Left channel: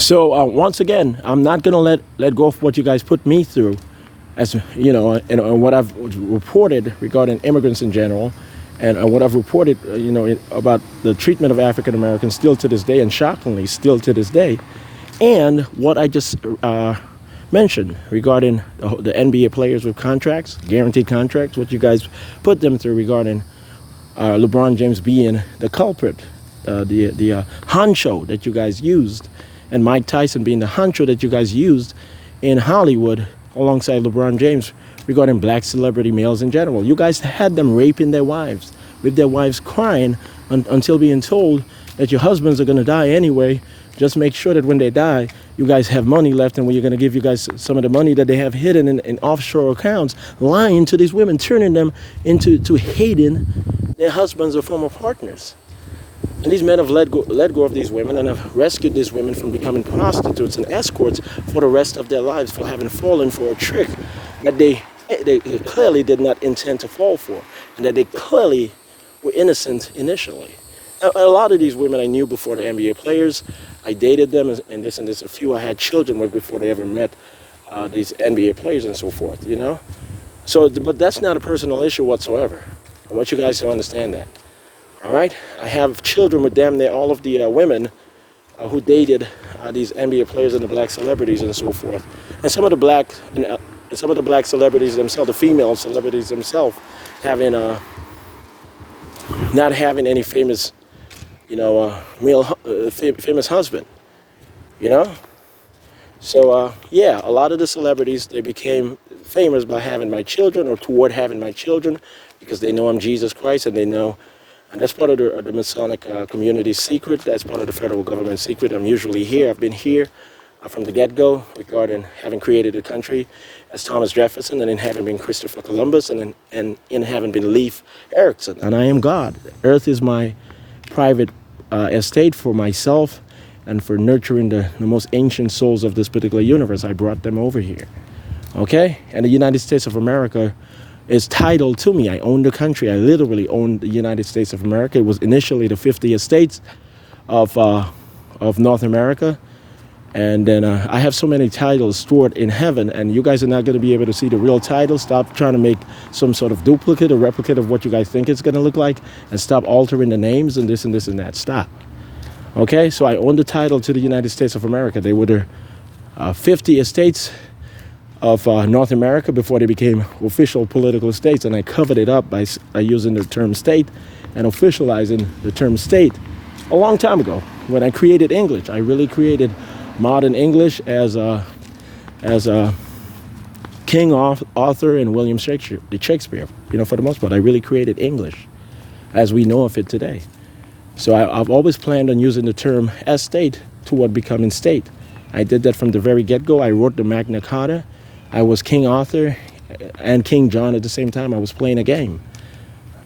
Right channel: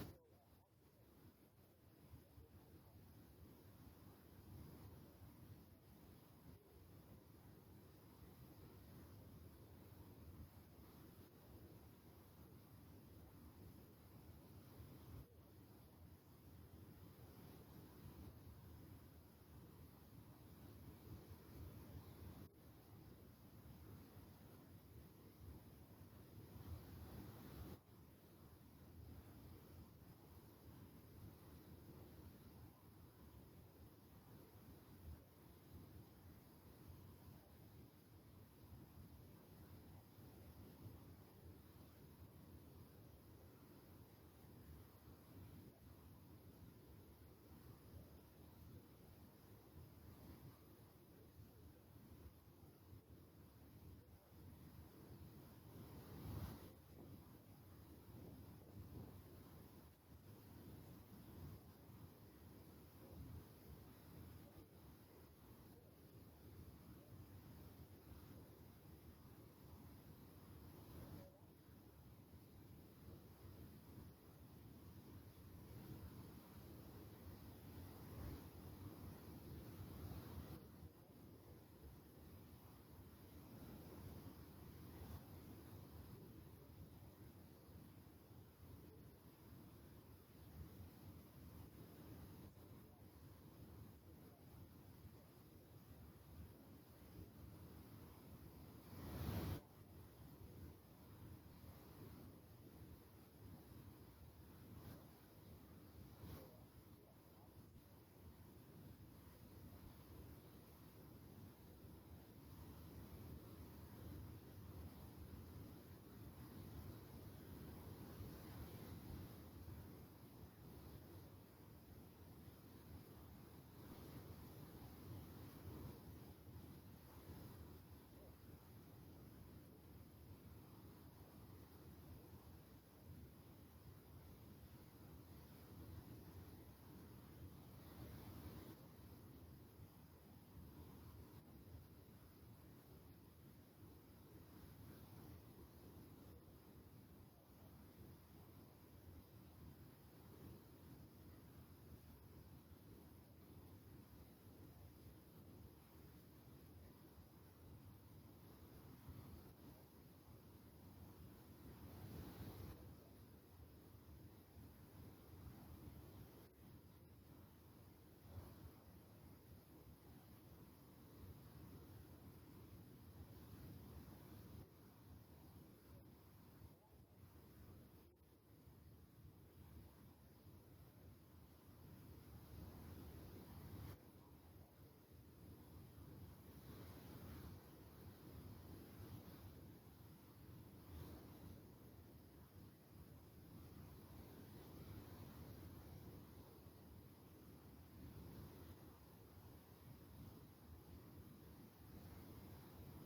So once again, I'm not going to let go of what you guys put me through, as you know, and what I've reported regarding immigrants in general, and what I've reported, about the treatment of African Americans still to this day, and shockingly still to this day, and what I just mentioned regarding the NBA players with contracts, guaranteed contracts, what you guys put them through regarding LeBron James being the culprit, the honcho that you guys used, and Mike Tyson being the honcho that you guys used in Hollywood alongside LeBron James regarding black celebrity males in general. You guys had them raping their wives, with their wives crying until being told that your husbands are going to die anyway. Just make sure that when they die, you guys have money left, and we're going to give you guys some of the money that they have hidden in offshore accounts, lying to these women, turning them into hating their husbands or former partners. And these men have let go of these women and have rescued these women from becoming prostitutes and escorts for the rest of their lives, for having fallen for a trick that they clearly did not intend to fall for, and that they clearly were innocent initially. A lot of these women I knew before the NBA players. I dated them, and this. A few I had children with before they ever met these NBA players and so forth, So, but that's not a personal issue whatsoever. I want you guys to understand that. All right? I have children with damn near all of the women who dated these NBA players and the black celebrities and so forth. And some of the black celebrities themselves, the female celebrities themselves, having not having any famous, famous husband, So, yeah, a lot of the celebrities, they became famous by having my children or toward having my children because they know I'm Jesus Christ, and they know, and that's part of the Masonic community's secret. That's part of the federal government's secret. I'm usually here. I've been here from the get-go regarding having created a country as Thomas Jefferson, and in having been Christopher Columbus, and in having been Leif Erikson. And I am God. Earth is my private estate for myself and for nurturing the most ancient souls of this particular universe. I brought them over here. Okay? And the United States of America is titled to me. I own the country. I literally own the United States of America. It was initially the 50 estates of North America. And then I have so many titles stored in heaven, and you guys are not going to be able to see the real title. Stop trying to make some sort of duplicate or replicate of what you guys think it's going to look like, and stop altering the names and this and this and that. Stop. Okay? So I own the title to the United States of America. They were the 50 estates of North America before they became official political states, and I covered it up by using the term state and officializing the term state a long time ago when I created English. I really created modern English as a King Arthur and William Shakespeare, for the most part. I really created English as we know of it today. So I've always planned on using the term estate toward becoming state. I did that from the very get-go. I wrote the Magna Carta. I was King Arthur and King John at the same time. I was playing a game.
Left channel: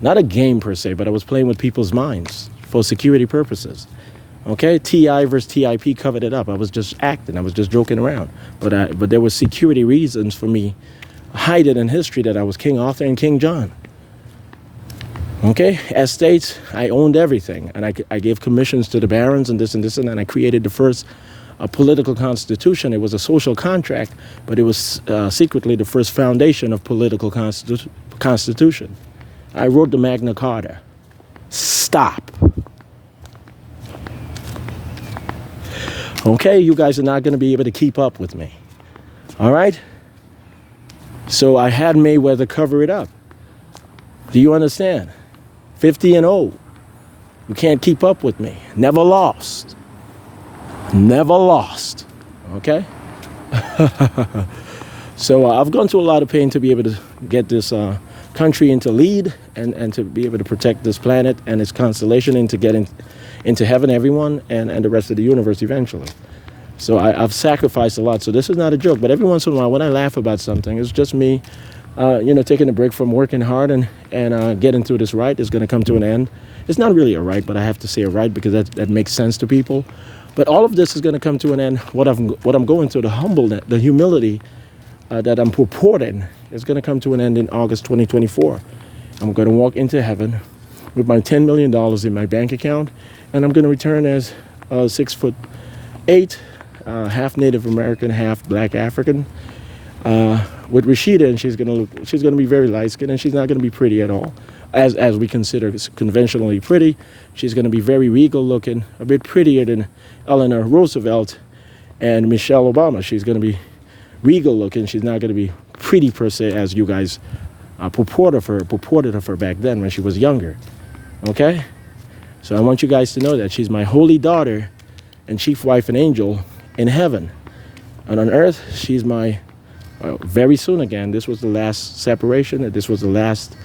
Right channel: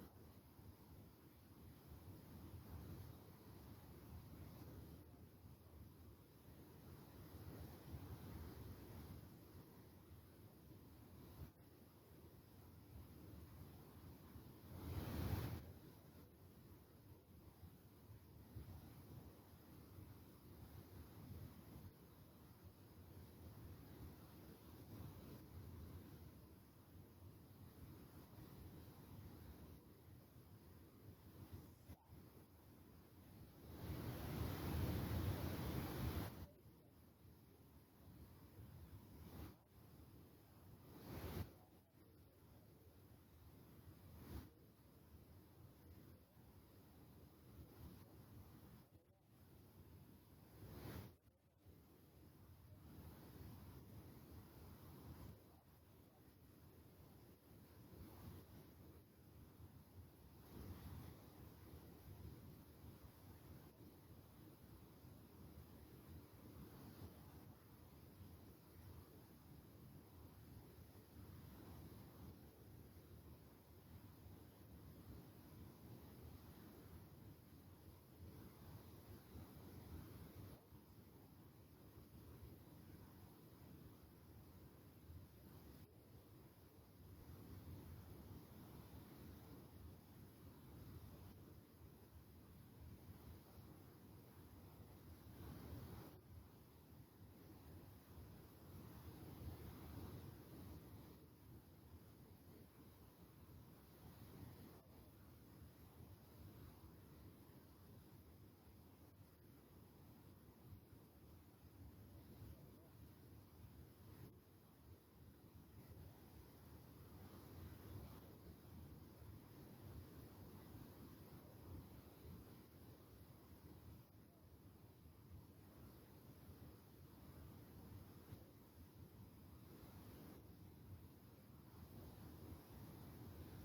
Not a game per se, but I was playing with people's minds for security purposes. Okay, TI versus TIP covered it up. I was just acting. I was just joking around. But there were security reasons for me hiding in history that I was King Arthur and King John. Okay, as states, I owned everything. And I gave commissions to the barons and this and this, and then I created the first political constitution. It was a social contract, but it was secretly the first foundation of political constitution. I wrote the Magna Carta. Stop. Okay, you guys are not going to be able to keep up with me. All right? So I had Mayweather cover it up. Do you understand? 50-0. You can't keep up with me. Never lost. Never lost. Okay? So I've gone through a lot of pain to be able to get this country into lead and to be able to protect this planet and its constellation and to get into heaven, everyone, and the rest of the universe eventually. So I've sacrificed a lot. So this is not a joke. But every once in a while, when I laugh about something, it's just me, taking a break from working hard and getting through this ride. Is going to come to an end. It's not really a ride, but I have to say a ride because that makes sense to people. But all of this is going to come to an end. What I'm going through, the humbleness, the humility that I'm purporting, is going to come to an end in August 2024. I'm going to walk into heaven with my $10 million in my bank account, and I'm going to return as 6'8", half Native American, half Black African. With Rashida, and she's gonna be very light skinned, and she's not gonna be pretty at all, as we consider conventionally pretty. She's gonna be very regal looking, a bit prettier than Eleanor Roosevelt and Michelle Obama. She's gonna be regal looking. She's not gonna be pretty per se as you guys purported of her back then when she was younger. Okay, so I want you guys to know that she's my holy daughter and chief wife and angel in heaven, and on earth she's my very soon again. This was the last separation. This was the last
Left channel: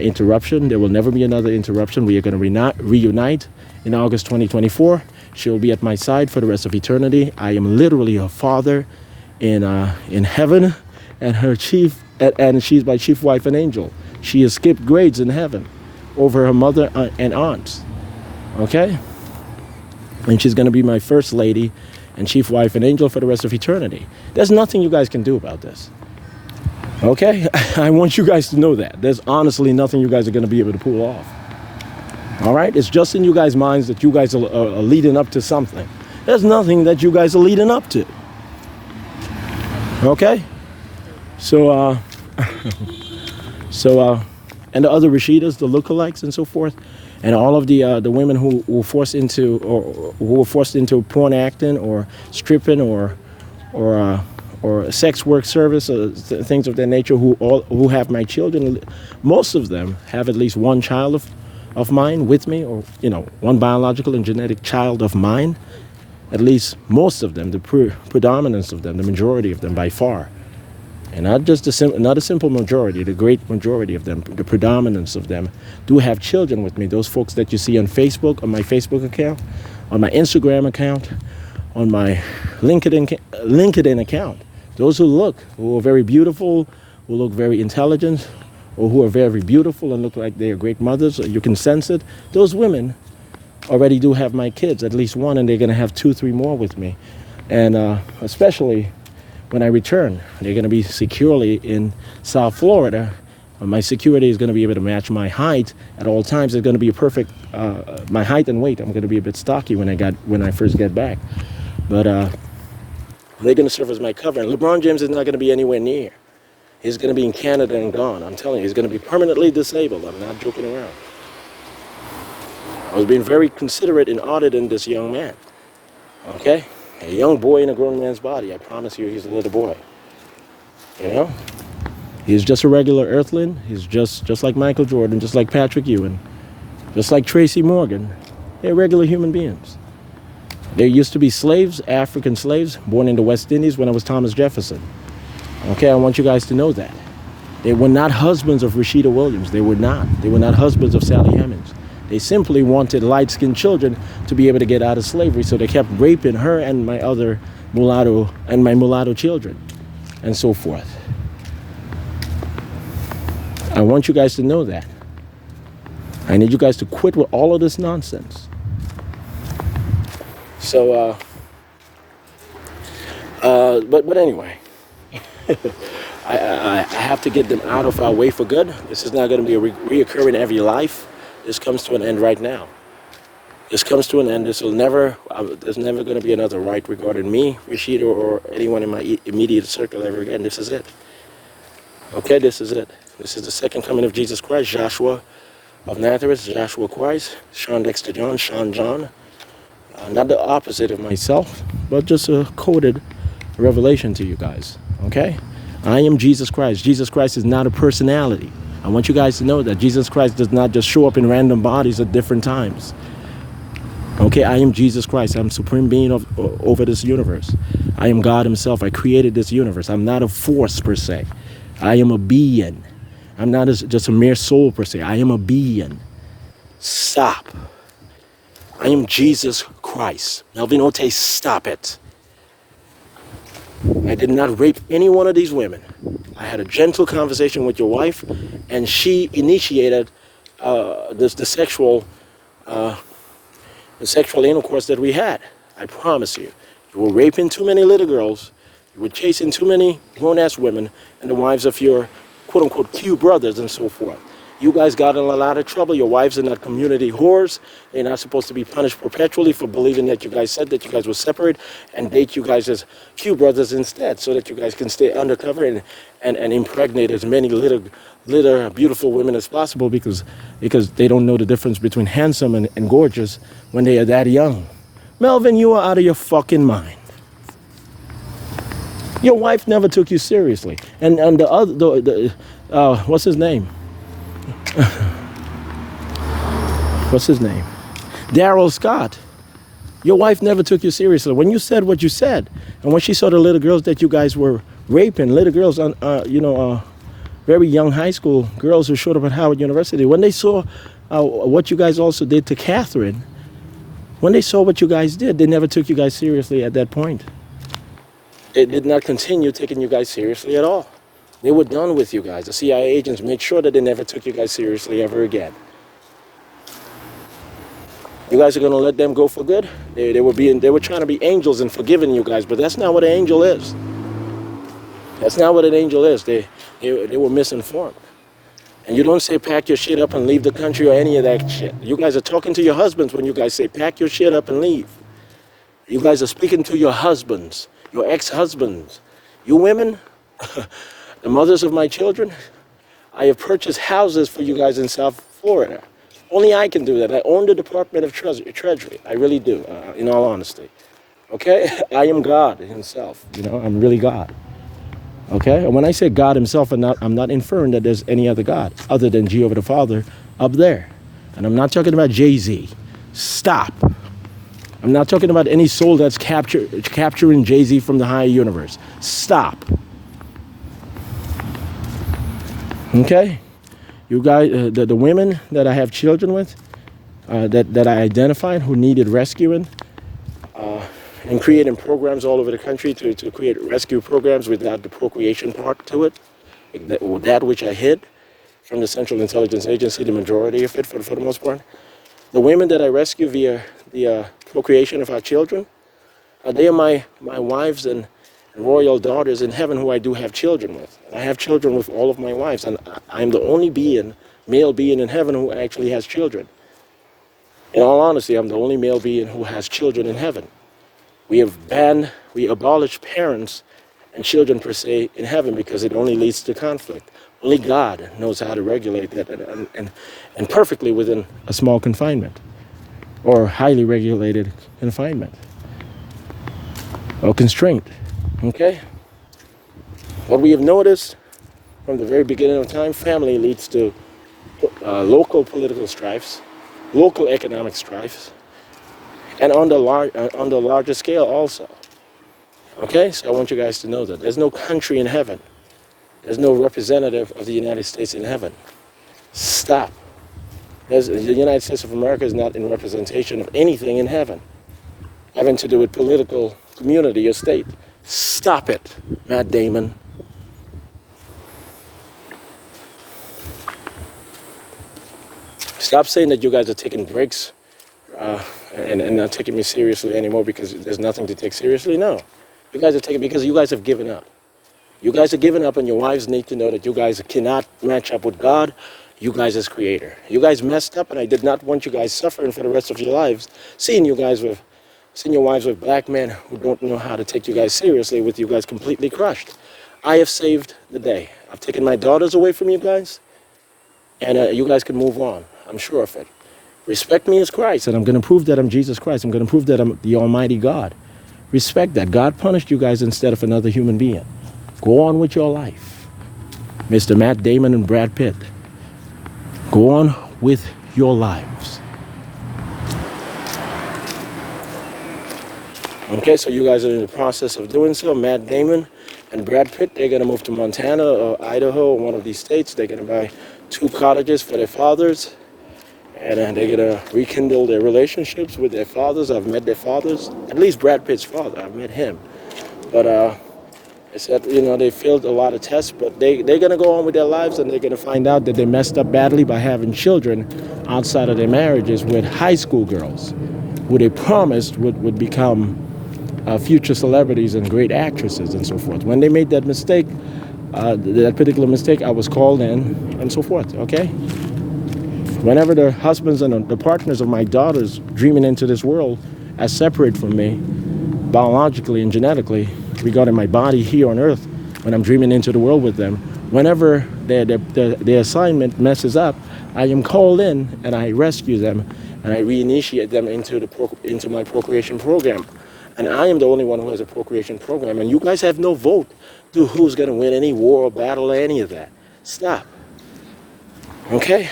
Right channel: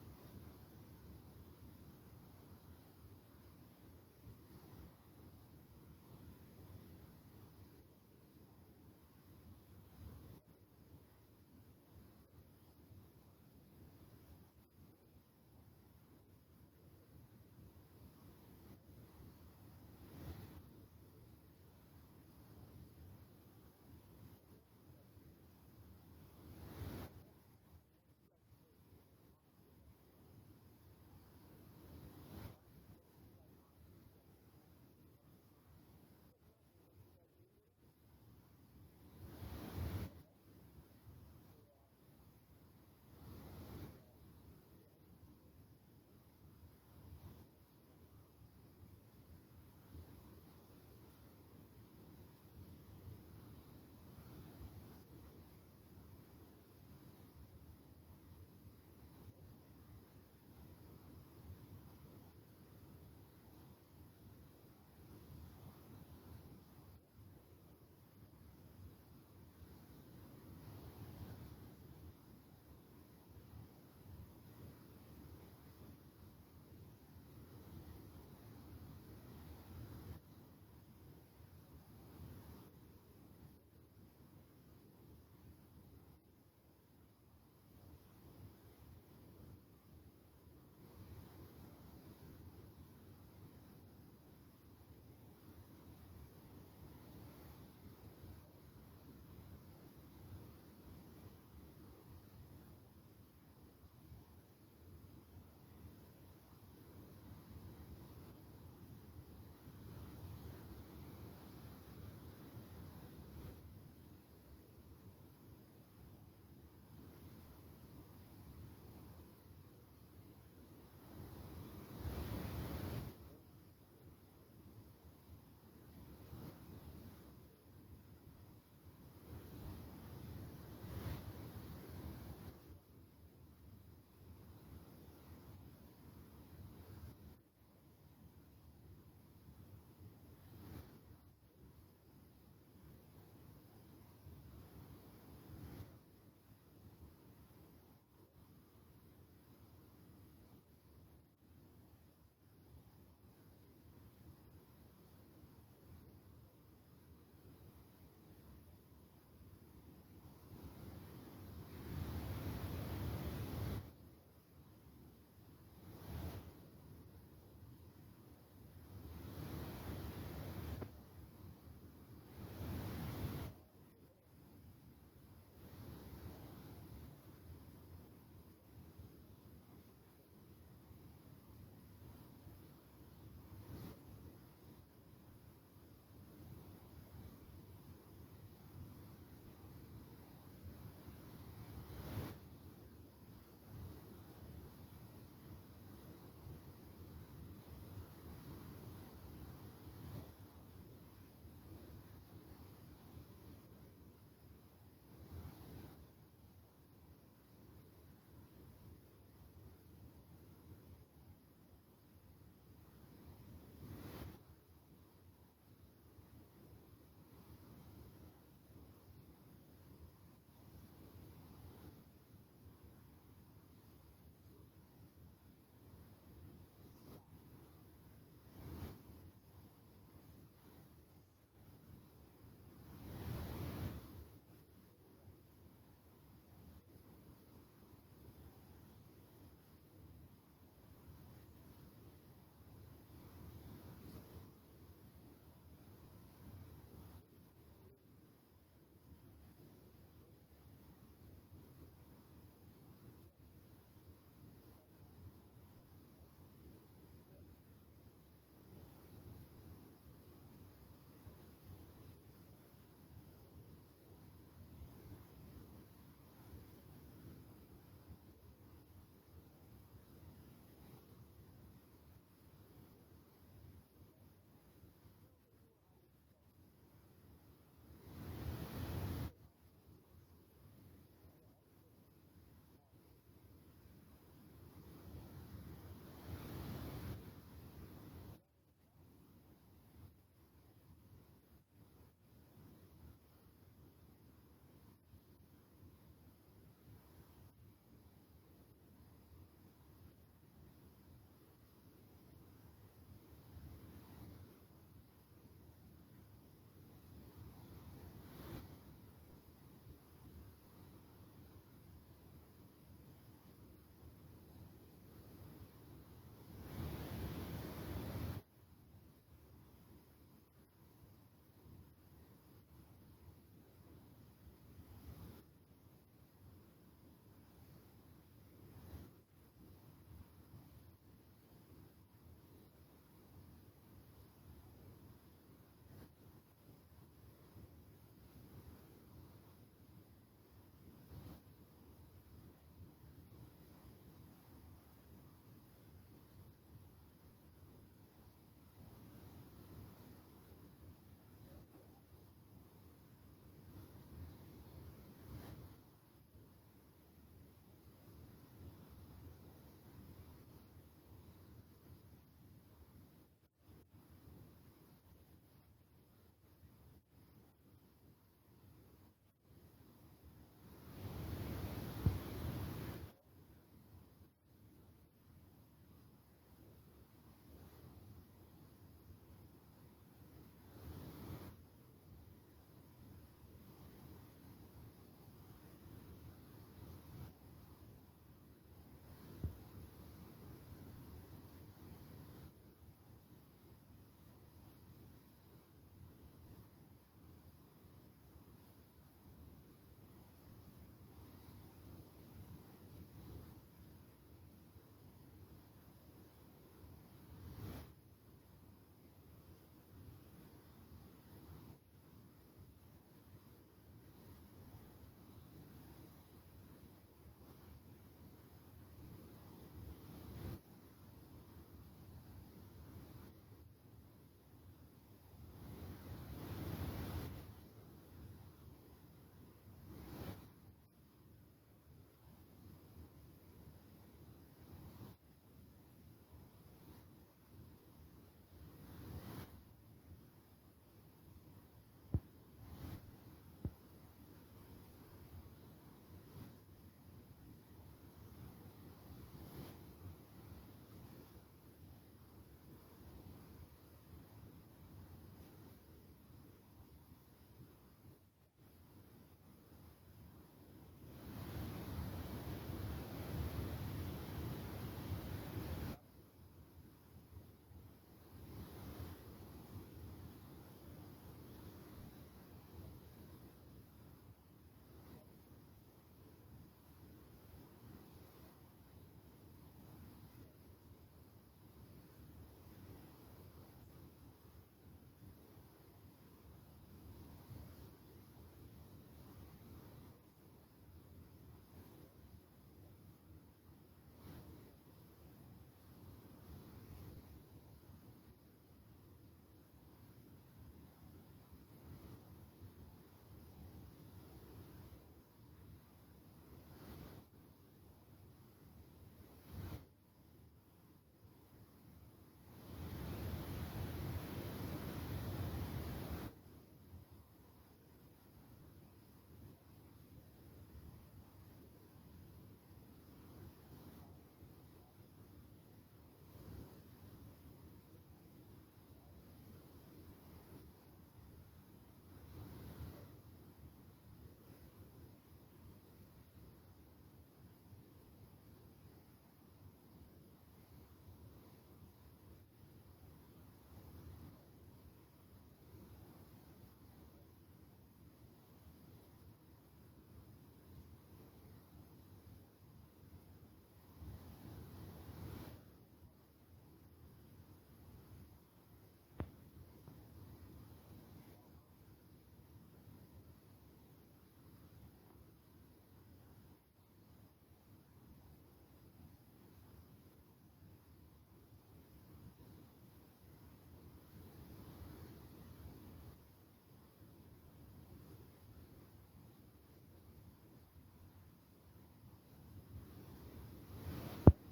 interruption. There will never be another interruption. We are going to reunite in August 2024. She will be at my side for the rest of eternity. I am literally her father in heaven, and she's my chief wife and angel. She has skipped grades in heaven over her mother and aunts. Okay, and she's going to be my first lady and chief wife and angel for the rest of eternity. There's nothing you guys can do about this. Okay? I want you guys to know that. There's honestly nothing you guys are going to be able to pull off. All right? It's just in you guys' minds that you guys are leading up to something. There's nothing that you guys are leading up to. Okay? So, and the other Rashidas, the lookalikes and so forth, and all of the women who were forced into porn acting or stripping or sex work service or things of that nature, who have my children, most of them have at least one child of mine with me, or one biological and genetic child of mine. At least most of them, the predominance of them, the majority of them by far. And not a simple majority, the great majority of them, the predominance of them, do have children with me. Those folks that you see on Facebook, on my Facebook account, on my Instagram account, on my LinkedIn account. Those who are very beautiful, who look very intelligent, or who are very beautiful and look like they are great mothers, you can sense it. Those women already do have my kids, at least one, and they're going to have 2, 3 more with me. And especially when I return, they're going to be securely in South Florida. My security is going to be able to match my height at all times. It's going to be a perfect, my height and weight. I'm going to be a bit stocky when I first get back. But they're going to serve as my cover. And LeBron James is not going to be anywhere near. He's going to be in Canada and gone. I'm telling you, he's going to be permanently disabled. I'm not joking around. I was being very considerate in auditing this young man. Okay? A young boy in a grown man's body. I promise you, he's a little boy. He's just a regular earthling. He's just like Michael Jordan, just like Patrick Ewing, just like Tracy Morgan. They're regular human beings. There used to be slaves, African slaves, born in the West Indies when I was Thomas Jefferson. Okay, I want you guys to know that. They were not husbands of Rashida Williams. They were not. They were not husbands of Sally Hemings. They simply wanted light-skinned children to be able to get out of slavery, so they kept raping her and my mulatto children, and so forth. I want you guys to know that. I need you guys to quit with all of this nonsense. So, but anyway, I have to get them out of our way for good. This is not going to be a reoccurring every life. This comes to an end right now. This comes to an end. There's never going to be another right regarding me, Rashida, or anyone in my immediate circle ever again. This is it. Okay, this is it. This is the second coming of Jesus Christ, Joshua of Nazareth, Joshua Christ, Shawn Dexter John, Shawn John. Not the opposite of myself, but just a coded revelation to you guys. Okay? I am Jesus Christ. Jesus Christ is not a personality. I want you guys to know that Jesus Christ does not just show up in random bodies at different times. Okay, I am Jesus Christ. I'm supreme being over this universe. I am God himself. I created this universe. I'm not a force per se. I am a being. I'm not just a mere soul per se. I am a being. Stop. I am Jesus Christ. Melvin Ote, stop it. I did not rape any one of these women. I had a gentle conversation with your wife, and she initiated the sexual intercourse that we had. I promise you. You were raping too many little girls. You were chasing too many grown-ass women and the wives of your quote-unquote Q brothers and so forth. You guys got in a lot of trouble. Your wives are not community whores. They're not supposed to be punished perpetually for believing that you guys said that you guys were separate and date you guys as Q brothers instead, so that you guys can stay undercover and impregnate as many little beautiful women as possible, because they don't know the difference between handsome and gorgeous when they are that young. Melvin, you are out of your fucking mind. Your wife never took you seriously. And the other, what's his name? What's his name? Daryl Scott. Your wife never took you seriously. When you said what you said, and when she saw the little girls that you guys were raping, little girls, very young high school girls who showed up at Howard University, when they saw what you guys also did to Catherine, when they saw what you guys did, they never took you guys seriously at that point. They did not continue taking you guys seriously at all. They were done with you guys. The CIA agents made sure that they never took you guys seriously ever again. You guys are going to let them go for good? They were trying to be angels and forgiving you guys, but that's not what an angel is. That's not what an angel is. They were misinformed. And you don't say pack your shit up and leave the country or any of that shit. You guys are talking to your husbands when you guys say pack your shit up and leave. You guys are speaking to your husbands, your ex-husbands. You women, the mothers of my children, I have purchased houses for you guys in South Florida. Only I can do that. I own the Department of Treasury. I really do, in all honesty. Okay? I am God himself. I'm really God. Okay? And when I say God himself, I'm not inferring that there's any other God other than Jehovah the Father up there. And I'm not talking about Jay-Z. Stop. I'm not talking about any soul that's capturing Jay-Z from the higher universe. Stop. Okay? You guys, the women that I have children with, that I identified who needed rescuing, and creating programs all over the country to create rescue programs without the procreation part to it, that which I hid from the Central Intelligence Agency, the majority of it for the most part. The women that I rescue via the procreation of our children, they are my wives and royal daughters in heaven who I do have children with. I have children with all of my wives, and I'm the only male being in heaven who actually has children. In all honesty, I'm the only male being who has children in heaven. We abolished parents and children per se in heaven because it only leads to conflict. Only God knows how to regulate that and perfectly within a small confinement or highly regulated confinement or constraint. Okay? What we have noticed from the very beginning of time, family leads to local political strifes, local economic strifes, and on the larger scale also. Okay? So I want you guys to know that there's no country in heaven. There's no representative of the United States in heaven. Stop. The United States of America is not in representation of anything in heaven having to do with political community or state. Stop it, Matt Damon. Stop saying that you guys are taking breaks and not taking me seriously anymore because there's nothing to take seriously. No. You guys are taking because you guys have given up. You guys are giving up, and your wives need to know that you guys cannot match up with God, you guys as creator. You guys messed up, and I did not want you guys suffering for the rest of your lives, seeing your wives with black men who don't know how to take you guys seriously, with you guys completely crushed. I have saved the day. I've taken my daughters away from you guys, and you guys can move on. I'm sure of it. Respect me as Christ, and I'm going to prove that I'm Jesus Christ. I'm going to prove that I'm the Almighty God. Respect that. God punished you guys instead of another human being. Go on with your life. Mr. Matt Damon and Brad Pitt. Go on with your lives. Okay, so you guys are in the process of doing so. Matt Damon and Brad Pitt, they're going to move to Montana or Idaho or one of these states. They're going to buy 2 cottages for their fathers. And they're going to rekindle their relationships with their fathers. I've met their fathers. At least Brad Pitt's father. I've met him. But they said, they failed a lot of tests. But they're going to go on with their lives, and they're going to find out that they messed up badly by having children outside of their marriages with high school girls who they promised would become future celebrities and great actresses and so forth. When they made that mistake, that particular mistake, I was called in and so forth, okay? Whenever the husbands and the partners of my daughters dreaming into this world as separate from me, biologically and genetically, regarding my body here on earth, when I'm dreaming into the world with them, whenever their assignment messes up, I am called in and I rescue them and I reinitiate them into my procreation program. And I am the only one who has a procreation program. And you guys have no vote to who's going to win any war or battle or any of that. Stop. Okay?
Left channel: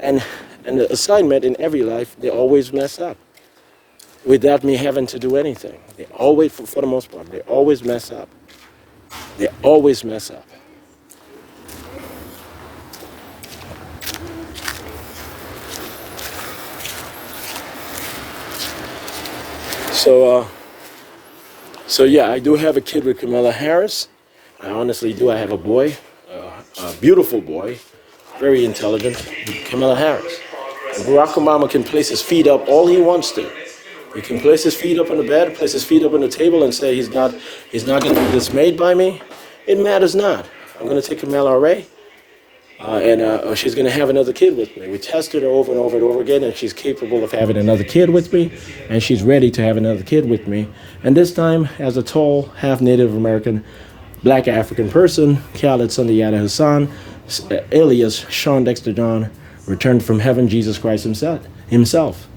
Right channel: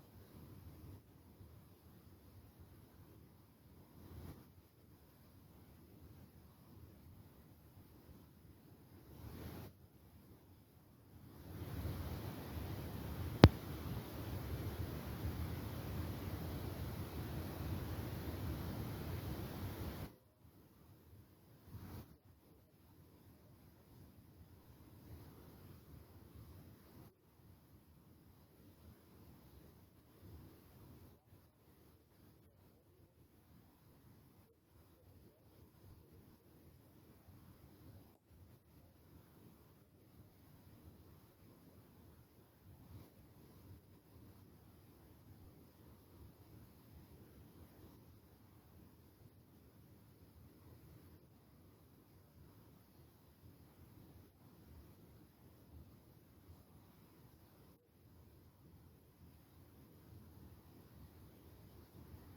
And the assignment in every life, they always mess up without me having to do anything. They always, for the most part, they always mess up. They always mess up. So yeah, I do have a kid with Kamala Harris. I honestly do. I have a boy, a beautiful boy, very intelligent, Kamala Harris. And Barack Obama can place his feet up all he wants to. He can place his feet up on the bed, place his feet up on the table, and say he's not going to be dismayed by me. It matters not. I'm going to take Kamala Ray, and she's going to have another kid with me. We tested her over and over and over again, and she's capable of having another kid with me, and she's ready to have another kid with me. And this time, as a tall, half-Native American, black African person, Khaled Sundiata Hassan, alias Shawn Dexter John, returned from heaven, Jesus Christ himself.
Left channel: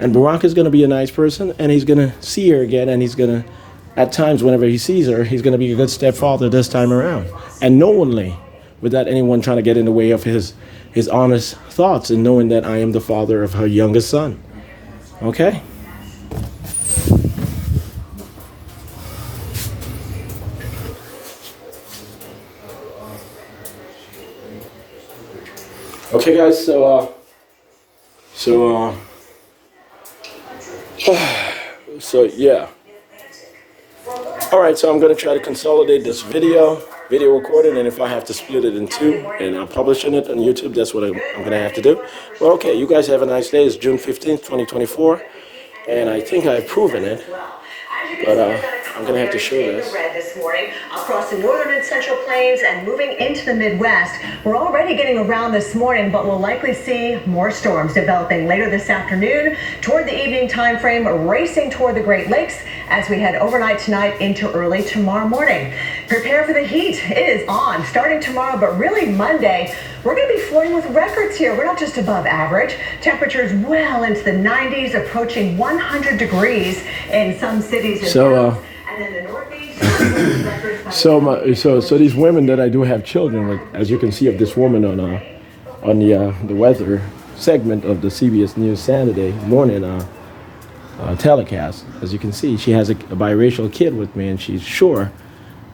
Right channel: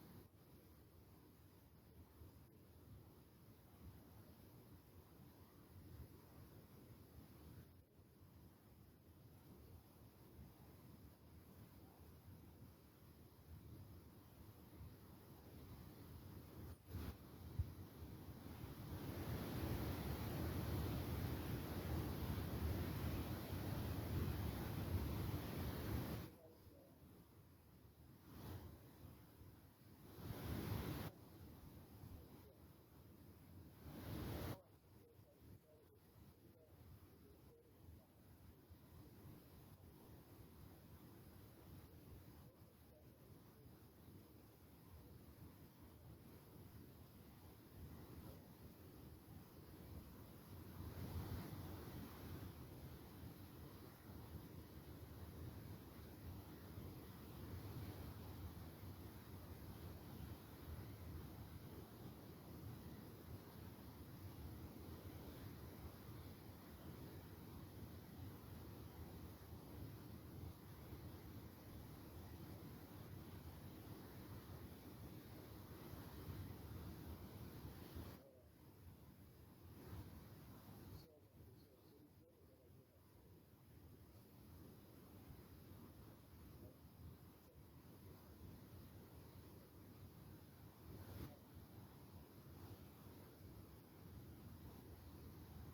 And Barack is going to be a nice person, and he's going to see her again, and he's going to, at times, whenever he sees her, he's going to be a good stepfather this time around. And knowingly, without anyone trying to get in the way of his honest thoughts, and knowing that I am the father of her youngest son. Okay? Okay, guys, so yeah. All right, so I'm going to try to consolidate this video recording, and if I have to split it in two and I'm publishing it on YouTube, that's what I'm going to have to do. Well, okay, you guys have a nice day. It's June 15th, 2024, and I think I've proven it, but I'm going to have to show this. This morning across the northern and central plains and moving into the Midwest. We're already getting around this morning, but we'll likely see more storms developing later this afternoon toward the evening time frame, racing toward the Great Lakes as we head overnight tonight into early tomorrow morning. Prepare for the heat. It is on starting tomorrow, but really Monday, we're going to be flirting with records here. We're not just above average. Temperatures well into the 90s, approaching 100 degrees in some cities and towns. And then the Northeast. So these women that I do have children with, as you can see of this woman on the weather segment of the CBS News Saturday morning telecast, as you can see, she has a biracial kid with me, and she's sure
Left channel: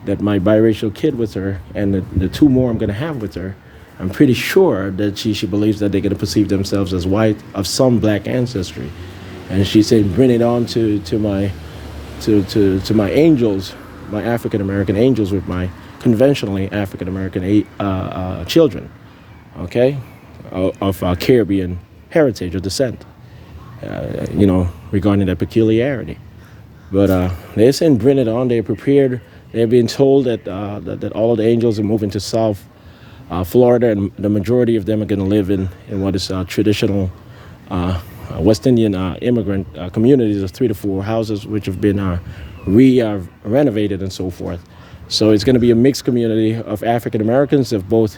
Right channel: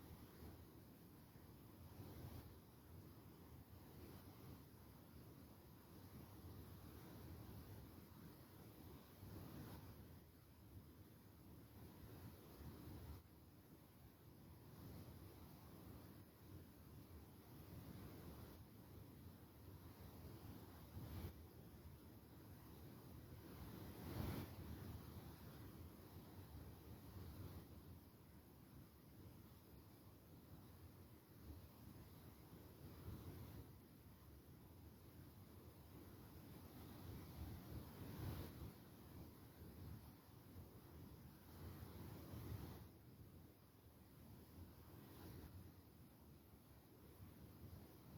that my biracial kid with her and the two more I'm going to have with her, I'm pretty sure that she believes that they're going to perceive themselves as white of some black ancestry, and she's saying, bring it on to my angels, my African American angels with my conventionally African American children, okay, of Caribbean heritage or descent, regarding that peculiarity. But they're saying bring it on. They're prepared. They're being told that all of the angels are moving to South Florida, and the majority of them are going to live in what is traditional West Indian immigrant communities of 3 to 4 houses, which have been renovated and so forth. So it's going to be a mixed community of African Americans of both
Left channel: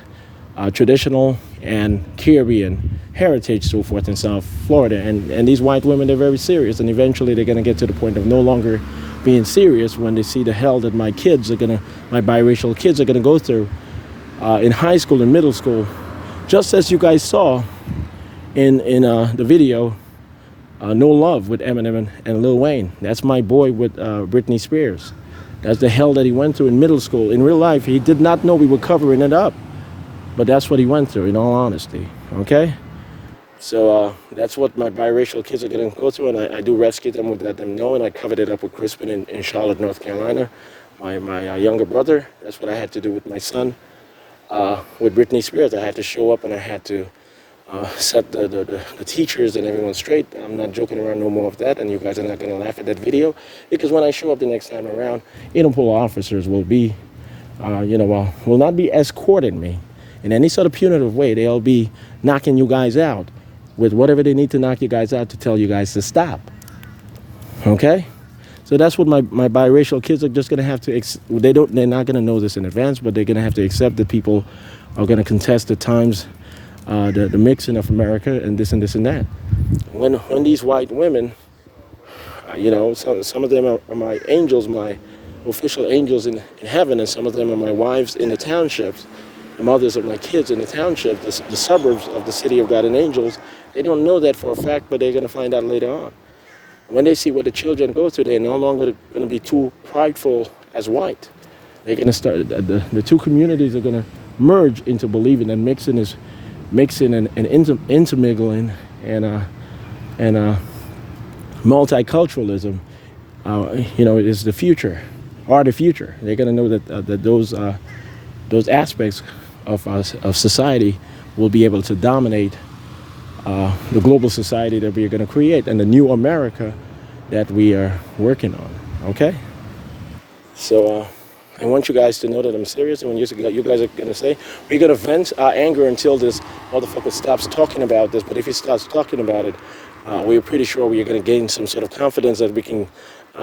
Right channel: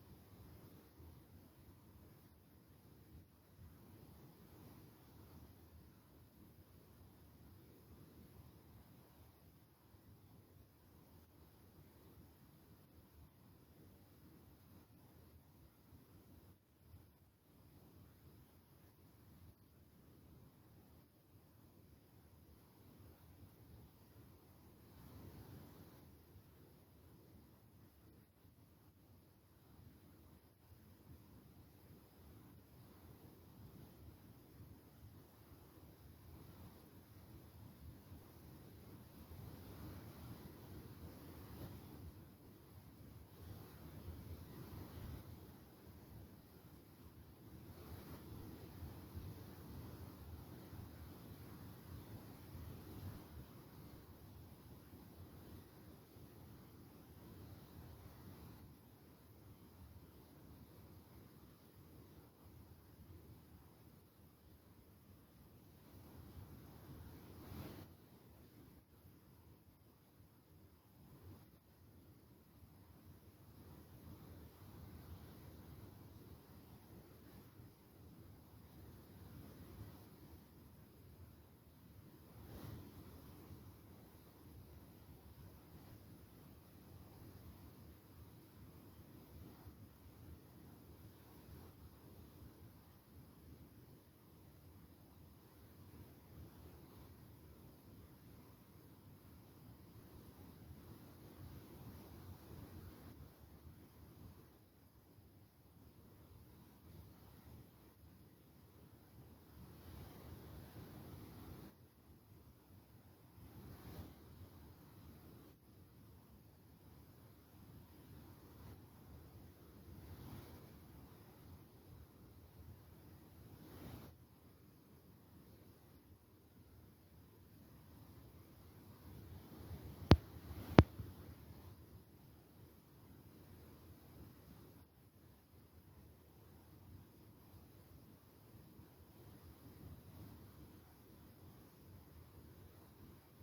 traditional and Caribbean heritage, so forth, in South Florida. And these white women, they're very serious, and eventually they're going to get to the point of no longer being serious when they see the hell that my biracial kids are going to go through in high school and middle school, just as you guys saw in the video, No Love with Eminem and Lil Wayne. That's my boy with Britney Spears. That's the hell that he went through in middle school. In real life, he did not know we were covering it up. But that's what he went through, in all honesty, okay? So that's what my biracial kids are going to go through, and I do rescue them, would let them know, and I covered it up with Crispin in Charlotte, North Carolina. My younger brother, that's what I had to do with my son. With Britney Spears, I had to show up, and I had to set the teachers and everyone straight. I'm not joking around no more of that, and you guys are not going to laugh at that video, because when I show up the next time around, Interpol officers will be will not be escorting me in any sort of punitive way. They'll be knocking you guys out with whatever they need to knock you guys out to tell you guys to stop. Okay? So that's what my biracial kids are just going to have to, they're not going to know this in advance, but they're going to have to accept that people are going to contest the times, the mixing of America and this and this and that. When these white women, some of them are my angels, my official angels in heaven, and some of them are my wives in the townships, the mothers of my kids in the township, the suburbs of the city of God and angels. They don't know that for a fact, but they're going to find out later on. When they see what the children go through, they're no longer going to be too prideful as white. They're going to start, the two communities are going to merge into believing that mixing and intermingling and multiculturalism, is the future, are the future. They're going to know that those aspects of society will be able to dominate the global society that we are going to create and the new America that we are working on. Okay? So I want you guys to know that I'm serious. And when you guys are going to say, we're going to vent our anger until this motherfucker stops talking about this. But if he starts talking about it, we're pretty sure we're going to gain some sort of confidence that we can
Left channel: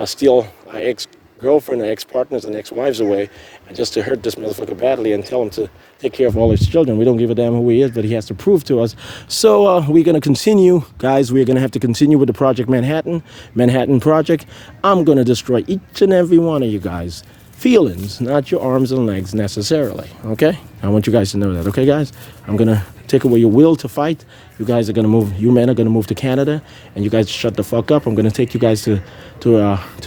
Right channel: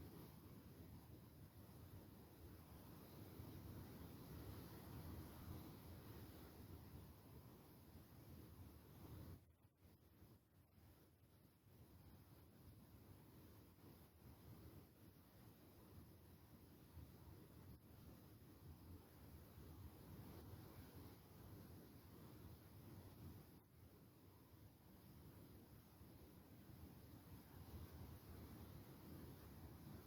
steal our ex-girlfriend, our ex-partners, and ex-wives away, and just to hurt this motherfucker badly and tell him to take care of all his children. We don't give a damn who he is, but he has to prove to us. So we're going to continue, guys. We're going to have to continue with the Project Manhattan Project. I'm going to destroy each and every one of you guys. Feelings, not your arms and legs necessarily, okay? I want you guys to know that, okay, guys? I'm going to take away your will to fight. You guys are going to move, you men are going to move to Canada, and you guys shut the fuck up. I'm going to take you guys to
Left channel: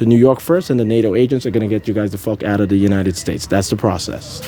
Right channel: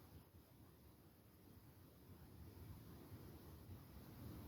New York first, and the NATO agents are going to get you guys the fuck out of the United States. That's the process.